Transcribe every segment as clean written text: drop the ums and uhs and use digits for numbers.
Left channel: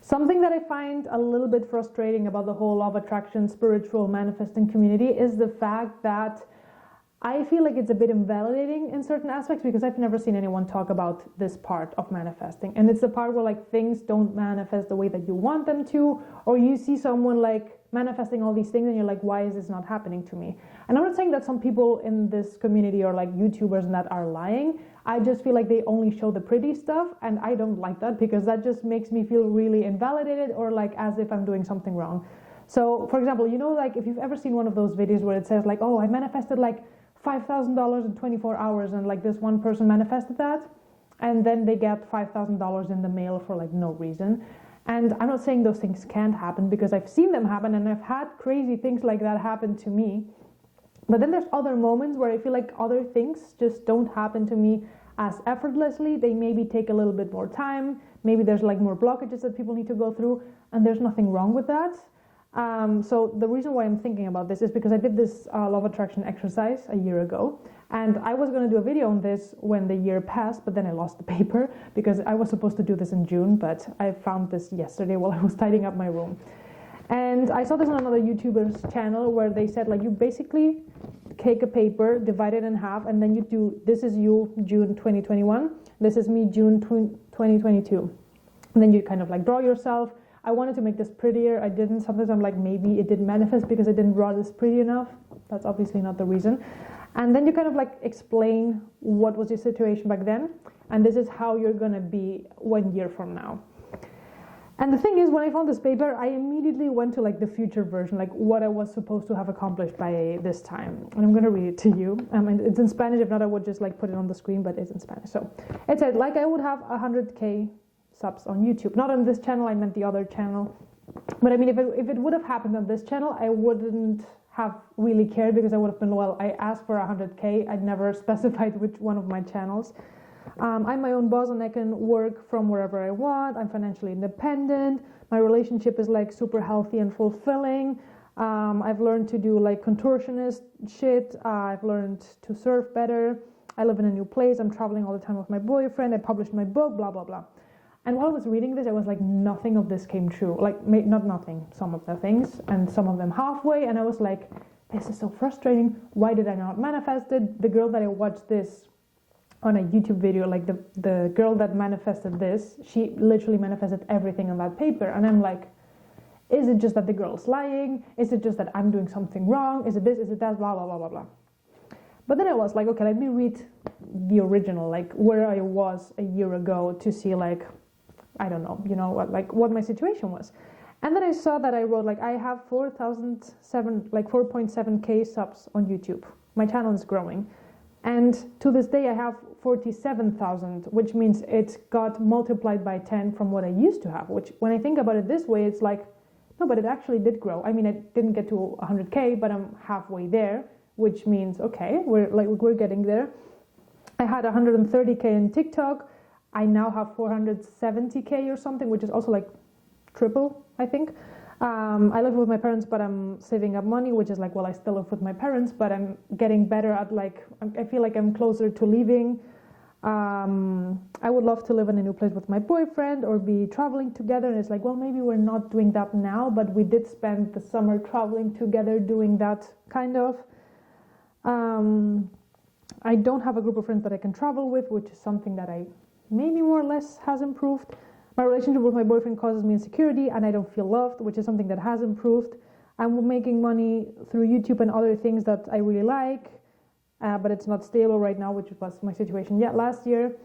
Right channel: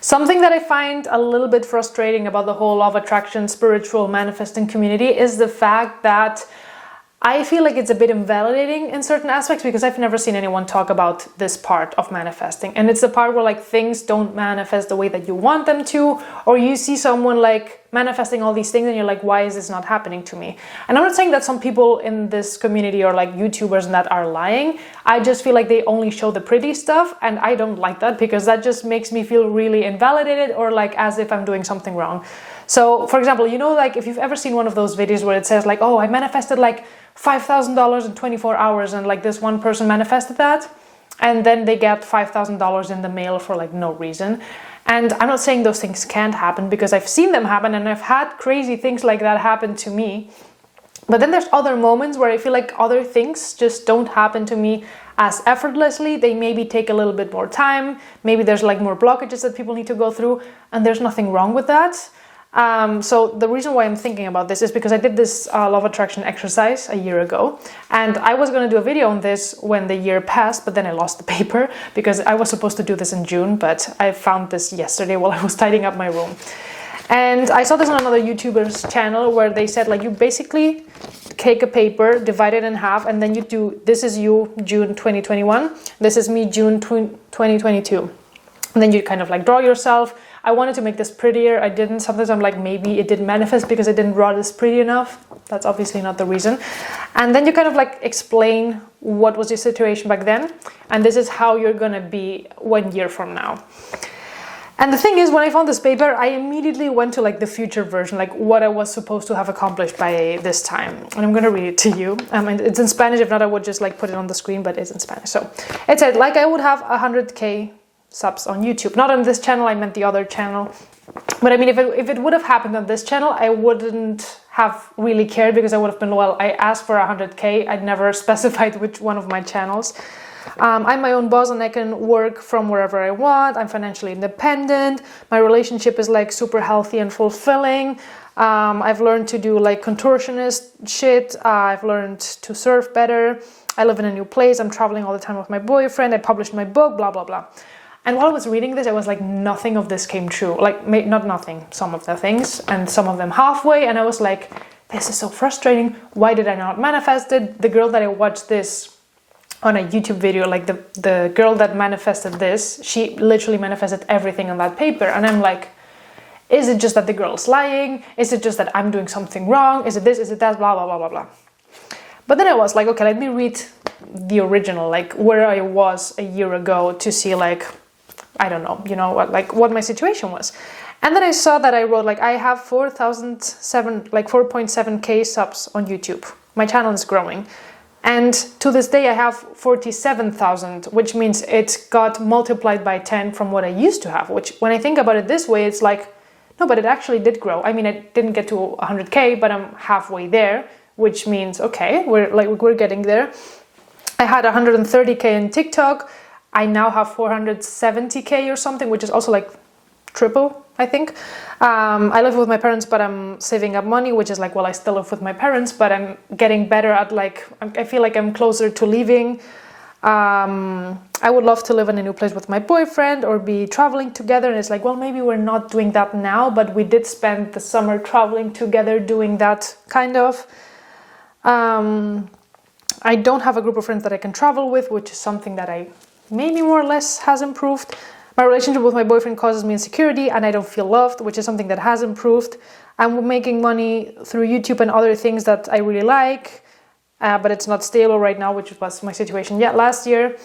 Something that I find a little bit frustrating about the whole law of attraction, spiritual manifesting community is the fact that I feel like it's a bit invalidating in certain aspects because I've never seen anyone talk about this part of manifesting. And it's the part where like things don't manifest the way that you want them to, or you see someone like manifesting all these things and you're like, why is this not happening to me? And I'm not saying that some people in this community or like YouTubers and that are lying. I just feel like they only show the pretty stuff, and I don't like that because that just makes me feel really invalidated or like as if I'm doing something wrong. So for example, you know, like if you've ever seen one of those videos where it says like, oh, I manifested like $5,000 in 24 hours and like this one person manifested that, and then they get $5,000 in the mail for like no reason. And I'm not saying those things can't happen because I've seen them happen and I've had crazy things like that happen to me. But then there's other moments where I feel like other things just don't happen to me as effortlessly. They maybe take a little bit more time. Maybe there's like more blockages that people need to go through, and there's nothing wrong with that. So the reason why I'm thinking about this is because I did this law of attraction exercise a year ago, and I was going to do a video on this when the year passed, but then I lost the paper because I was supposed to do this in June, but I found this yesterday while I was tidying up my room. And I saw this on another YouTuber's channel where they said like you basically take a paper, divide it in half, and then you do, this is you June 2021, this is me June 2022. And then you kind of like draw yourself. I wanted to make this prettier. I didn't. Sometimes I'm like, maybe it didn't manifest because I didn't draw this pretty enough. That's obviously not the reason. And then you kind of like explain what was your situation back then. And this is how you're going to be 1 year from now. And the thing is, when I found this paper, I immediately went to like the future version, like what I was supposed to have accomplished by this time. And I'm going to read it to you. And it's in Spanish. If not, I would just like put it on the screen, but it's in Spanish. So it said, like I would have 100K subs on YouTube. Not on this channel, I meant the other channel. But I mean, if it would have happened on this channel, I wouldn't have really cared because I would have been, well, I asked for 100K. I'd never specified which one of my channels. I'm my own boss and I can work from wherever I want. I'm financially independent. My relationship is like super healthy and fulfilling. I've learned to do like contortionist shit. I've learned to surf better. I live in a new place. I'm traveling all the time with my boyfriend. I published my book, blah, blah, blah. And while I was reading this, I was like, nothing of this came true. Like, not nothing, some of the things, and some of them halfway. And I was like, this is so frustrating. Why did I not manifest it? The girl that I watched this on a YouTube video, like the girl that manifested this, she literally manifested everything on that paper. And I'm like, is it just that the girl's lying? Is it just that I'm doing something wrong? Is it this? Is it that? Blah, blah, blah, blah, blah. But then I was like, okay, let me read the original, like where I was a year ago to see like, I don't know, you know, what my situation was. And then I saw that I wrote like, I have 4.7K subs on YouTube. My channel is growing. And to this day I have 47,000, which means it got multiplied by 10 from what I used to have, which when I think about it this way, it's like, no, but it actually did grow. I mean, I didn't get to 100K, but I'm halfway there, which means, okay, we're getting there. I had 130K in TikTok. I now have 470K or something, which is also like triple, I think. I live with my parents, but I'm saving up money, which is like, well, I still live with my parents, but I'm getting better at like, I feel like I'm closer to leaving. I would love to live in a new place with my boyfriend or be traveling together. And it's like, well, maybe we're not doing that now, but we did spend the summer traveling together doing that kind of. I don't have a group of friends that I can travel with, which is something that I maybe more or less has improved. My relationship with my boyfriend causes me insecurity and I don't feel loved, which is something that has improved. I'm making money through YouTube and other things that I really like, but it's not stable right now, which was my situation yet last year.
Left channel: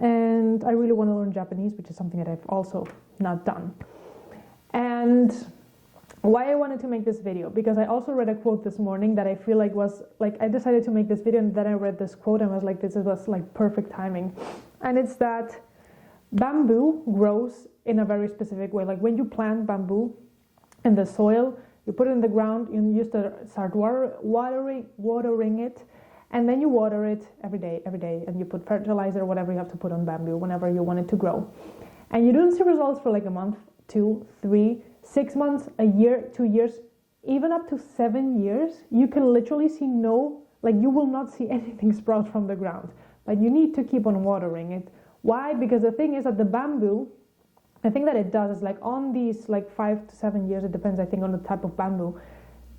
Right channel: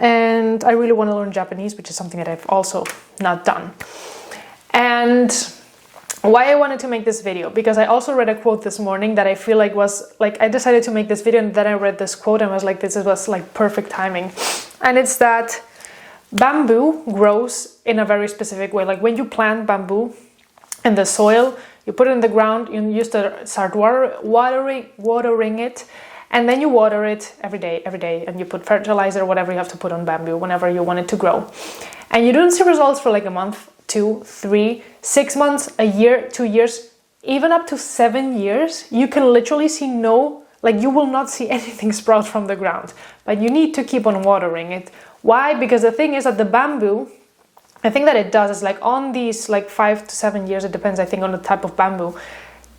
And I really want to learn Japanese, which is something that I've also not done. And why I wanted to make this video, because I also read a quote this morning that I feel like was like, I decided to make this video and then I read this quote and was like, this was like perfect timing. And it's that bamboo grows in a very specific way. Like when you plant bamboo in the soil, you put it in the ground, you used to start watering it, and then you water it every day, and you put fertilizer, whatever you have to put on bamboo whenever you want it to grow. And you don't see results for like a month, 2, 3, 6 months, a year, 2 years, even up to 7 years. You can literally see you will not see anything sprout from the ground, but you need to keep on watering it. Why? Because the thing is that the bamboo I think that it does is like on these like 5 to 7 years, it depends, I think, on the type of bamboo,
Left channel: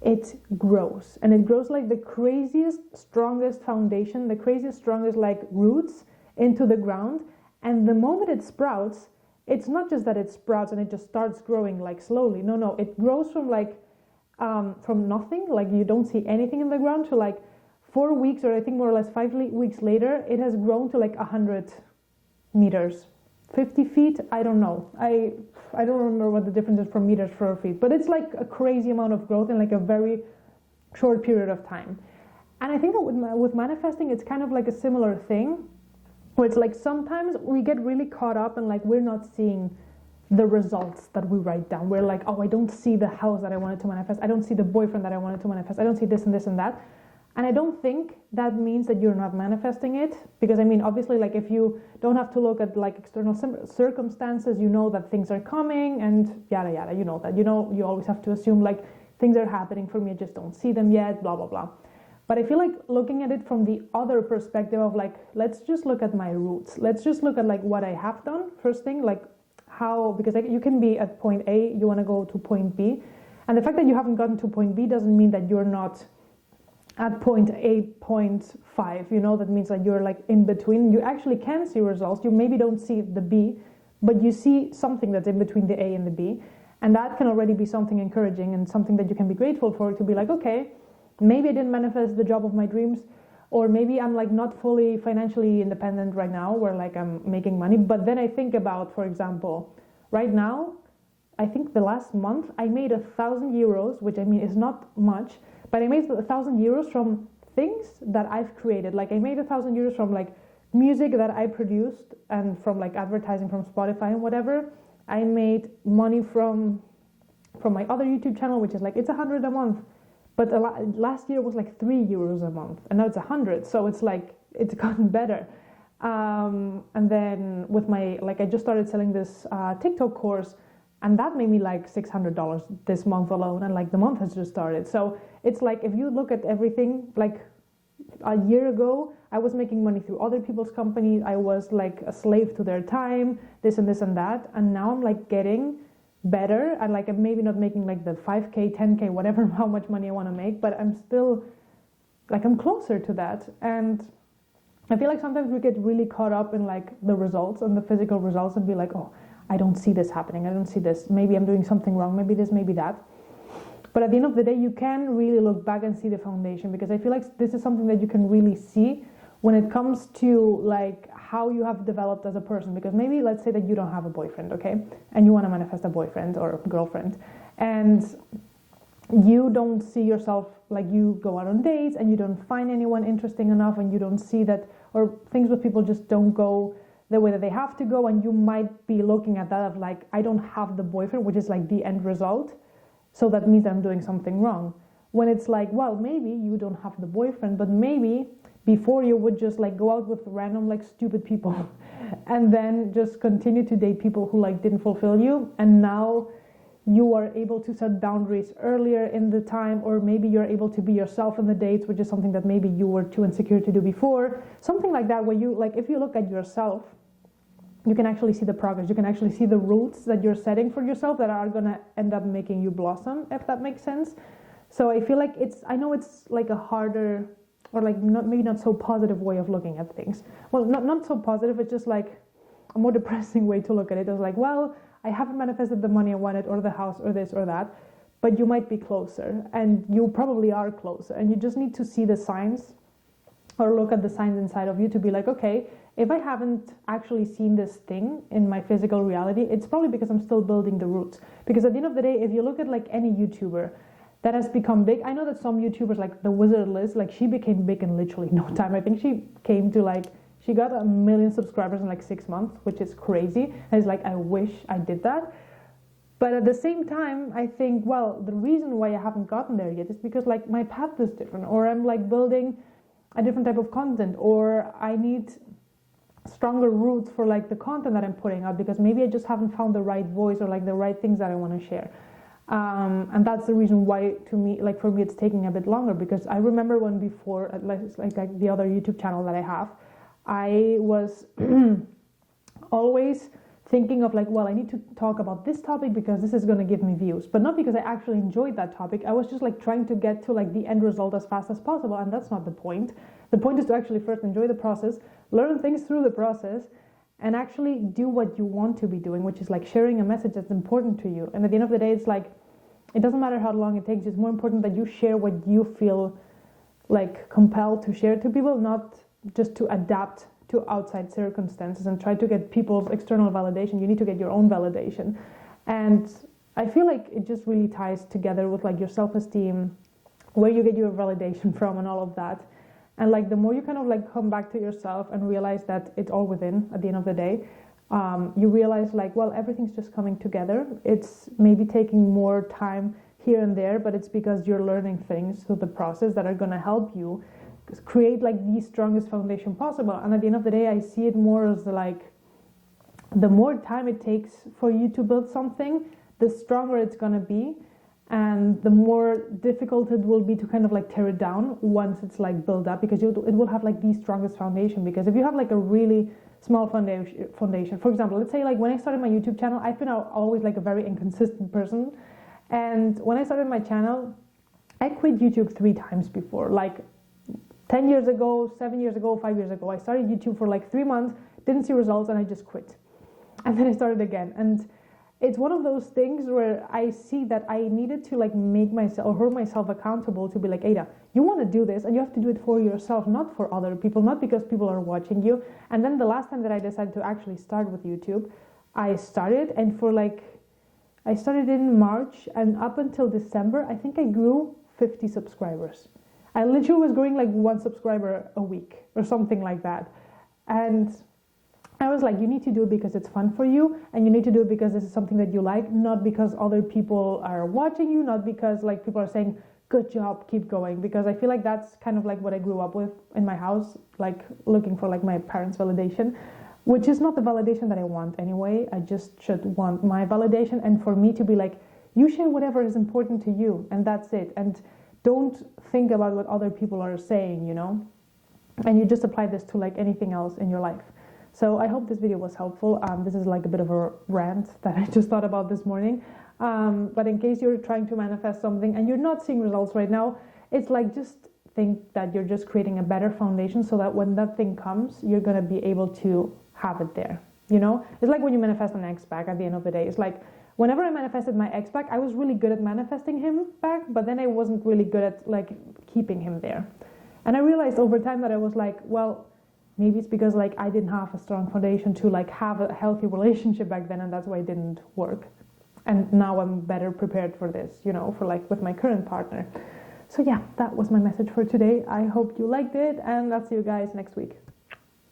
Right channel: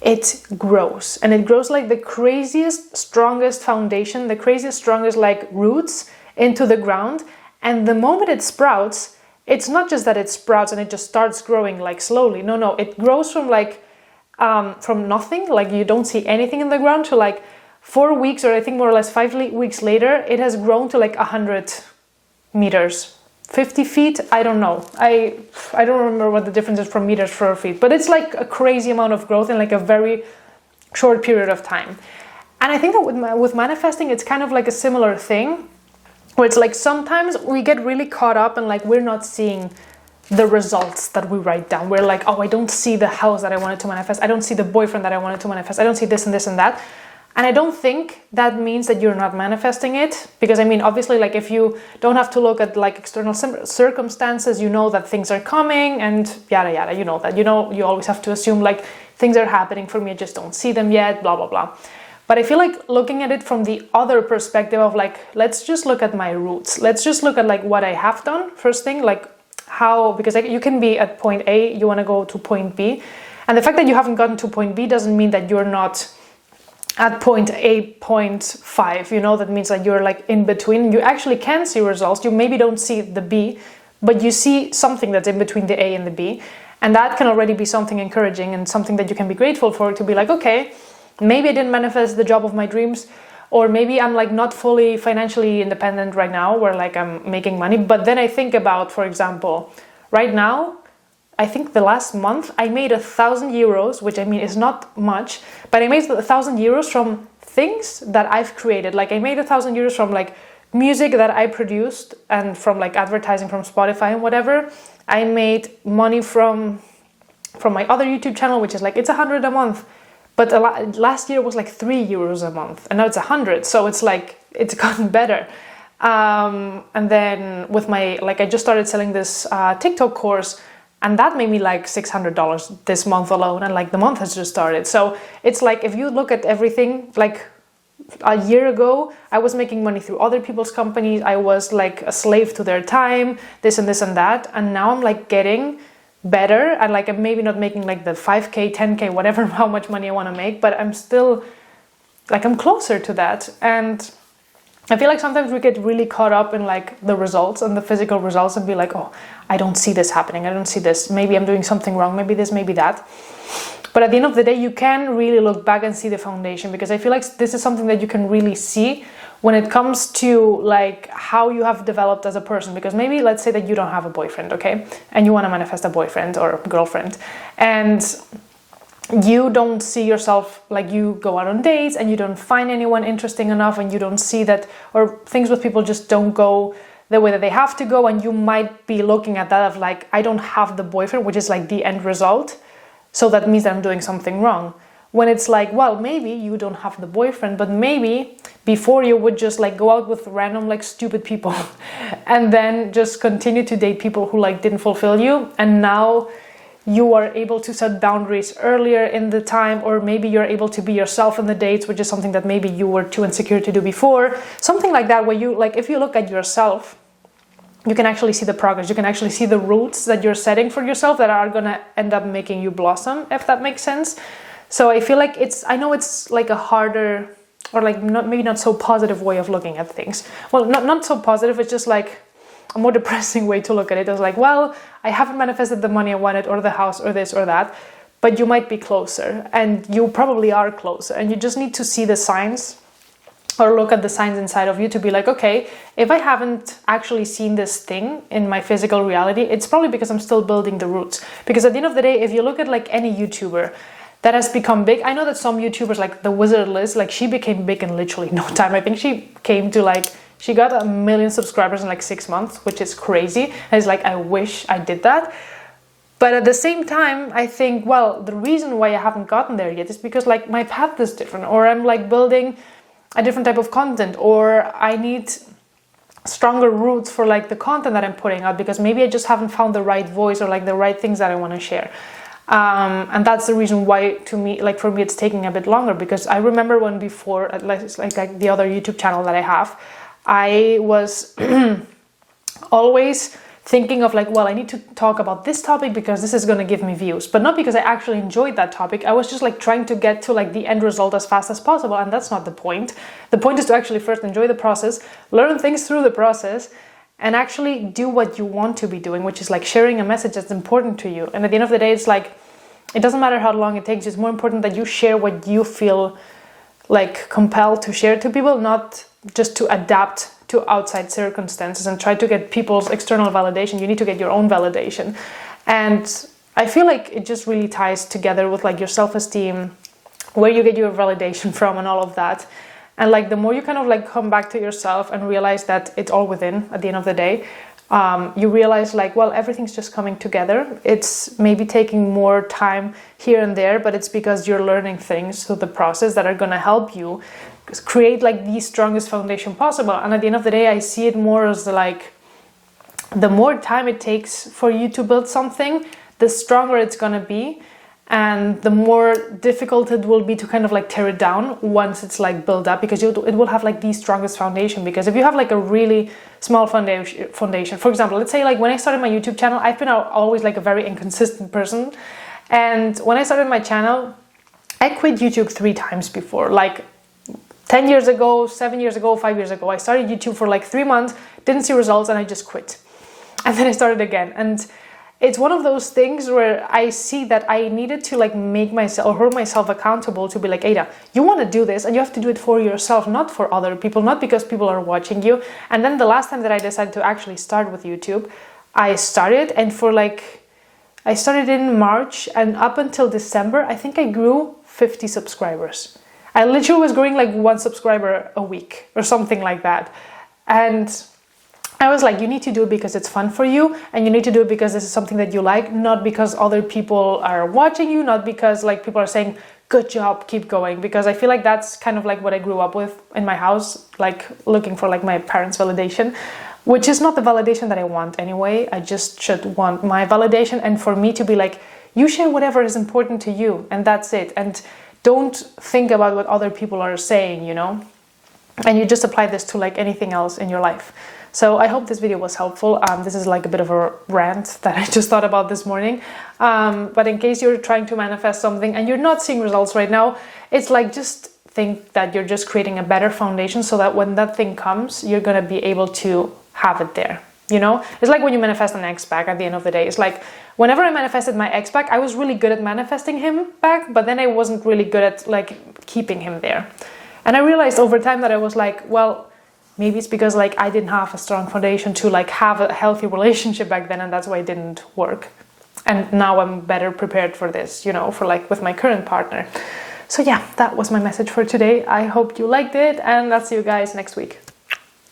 it grows, and it grows like the craziest, strongest foundation, the craziest, strongest like roots into the ground. And the moment it sprouts, it's not just that it sprouts and it just starts growing like slowly. No, it grows from like from nothing, like you don't see anything in the ground, to like 4 weeks, or I think more or less 5 weeks later, it has grown to like 100 meters, 50 feet. I don't know. I don't remember what the difference is from meters for feet, but it's like a crazy amount of growth in like a very short period of time. And I think that with manifesting, it's kind of like a similar thing, where it's like sometimes we get really caught up and like we're not seeing the results that we write down. We're like, oh, I don't see the house that I wanted to manifest. I don't see the boyfriend that I wanted to manifest. I don't see this and this and that. And I don't think that means that you're not manifesting it, because I mean, obviously, like if you don't have to look at like external circumstances, you know that things are coming and yada yada, you know that, you know, you always have to assume like things are happening for me, I just don't see them yet, blah, blah, blah. But I feel like looking at it from the other perspective of like, let's just look at my roots. Let's just look at like what I have done first thing, like how, because like, you can be at point A, you want to go to point B. And the fact that you haven't gotten to point B doesn't mean that you're not at point A, 0.5, you know, that means that you're like in between. You actually can see results. You maybe don't see the B, but you see something that's in between the A and the B. And that can already be something encouraging and something that you can be grateful for, to be like, okay, maybe I didn't manifest the job of my dreams, or maybe I'm like not fully financially independent right now, where like I'm making money. But then I think about, for example, right now, I think the last month I made 1,000 euros, which I mean is not much, but I made 1,000 euros from things that I've created. Like I made 1,000 euros from like music that I produced and from like advertising from Spotify and whatever. I made money from my other YouTube channel, which is like, it's 100 a month. But last year was like 3 euros a month, and now it's 100. So it's like, it's gotten better. And then with my, like I just started selling this TikTok course, and that made me like $600 this month alone, and like the month has just started. So it's like, if you look at everything, like a year ago, I was making money through other people's companies. I was like a slave to their time, this and this and that. And now I'm like getting better, and like I'm maybe not making like the 5K, 10K, whatever, how much money I want to make, but I'm still like, I'm closer to that. And I feel like sometimes we get really caught up in like the results and the physical results and be like, oh, I don't see this happening. I don't see this. Maybe I'm doing something wrong. Maybe this, maybe that. But at the end of the day, you can really look back and see the foundation, because I feel like this is something that you can really see when it comes to like how you have developed as a person. Because maybe let's say that you don't have a boyfriend, okay? And you want to manifest a boyfriend or girlfriend, and you don't see yourself, like you go out on dates and you don't find anyone interesting enough, and you don't see that, or things with people just don't go the way that they have to go, and you might be looking at that of like, I don't have the boyfriend, which is like the end result, so that means that I'm doing something wrong. When it's like, well, maybe you don't have the boyfriend, but maybe before you would just like go out with random like stupid people and then just continue to date people who like didn't fulfill you, and now you are able to set boundaries earlier in the time, or maybe you're able to be yourself in the dates, which is something that maybe you were too insecure to do before. Something like that, where you like, if you look at yourself, you can actually see the progress. You can actually see the roots that you're setting for yourself that are gonna end up making you blossom, if that makes sense. So I feel like I know it's like a harder, or like maybe not so positive way of looking at things. Well, not so positive, it's just like a more depressing way to look at it. It's like, well, I haven't manifested the money I wanted, or the house, or this or that, but you might be closer, and you probably are closer, and you just need to see the signs, or look at the signs inside of you to be like, okay, if I haven't actually seen this thing in my physical reality, it's probably because I'm still building the roots. Because at the end of the day, if you look at like any YouTuber that has become big, I know that some YouTubers like the Wizard Liz, like she became big in literally no time. I think she came to like, she got 1 million subscribers in like 6 months, which is crazy. And it's like, I wish I did that. But at the same time, I think, well, the reason why I haven't gotten there yet is because like my path is different, or I'm like building a different type of content, or I need stronger roots for like the content that I'm putting out, because maybe I just haven't found the right voice or like the right things that I want to share. And that's the reason why, to me, like for me, it's taking a bit longer, because I remember when before, like the other YouTube channel that I have, I was always thinking of like, well, I need to talk about this topic because this is going to give me views, but not because I actually enjoyed that topic. I was just like trying to get to like the end result as fast as possible, and that's not the point. The point is to actually first enjoy the process, learn things through the process, and actually do what you want to be doing, which is like sharing a message that's important to you. And at the end of the day, it's like, it doesn't matter how long it takes. It's more important that you share what you feel like compelled to share to people, not just to adapt to outside circumstances and try to get people's external validation. You need to get your own validation. And I feel like it just really ties together with like your self-esteem, where you get your validation from and all of that. And like the more you kind of like come back to yourself and realize that it's all within at the end of the day, you realize like, well, everything's just coming together. It's maybe taking more time here and there, but it's because you're learning things through the process that are going to help you create like the strongest foundation possible. And at the end of the day, I see it more as like, the more time it takes for you to build something, the stronger it's going to be. And the more difficult it will be to kind of like tear it down once it's like built up, because it will have like the strongest foundation. Because if you have like a really small foundation, for example, let's say like when I started my YouTube channel, I've been always like a very inconsistent person. And when I started my channel, I quit YouTube 3 times before, like 10 years ago, 7 years ago, 5 years ago. I started YouTube for like 3 months, didn't see results, and I just quit. And then I started again. And it's one of those things where I see that I needed to like make myself or hold myself accountable to be like, Ada, you want to do this and you have to do it for yourself, not for other people, not because people are watching you. And then the last time that I decided to actually start with YouTube, I started, and I started in March, and up until December, I think I grew 50 subscribers. I literally was growing like 1 subscriber a week or something like that. And I was like, you need to do it because it's fun for you, and you need to do it because this is something that you like, not because other people are watching you, not because like people are saying, good job, keep going. Because I feel like that's kind of like what I grew up with in my house, like looking for like my parents' validation, which is not the validation that I want anyway. I just should want my validation, and for me to be like, you share whatever is important to you, and that's it. And don't think about what other people are saying, you know? And you just apply this to like anything else in your life. So I hope this video was helpful. This is like a bit of a rant that I just thought about this morning. But in case you're trying to manifest something and you're not seeing results right now, it's like, just think that you're just creating a better foundation so that when that thing comes, you're going to be able to have it there. You know, it's like when you manifest an ex back at the end of the day. It's like whenever I manifested my ex back, I was really good at manifesting him back, but then I wasn't really good at like keeping him there. And I realized over time that I was like, well, maybe it's because like I didn't have a strong foundation to like have a healthy relationship back then, and that's why it didn't work. And now I'm better prepared for this, you know, for like with my current partner. So yeah, that was my message for today. I hope you liked it, and I'll see you guys next week.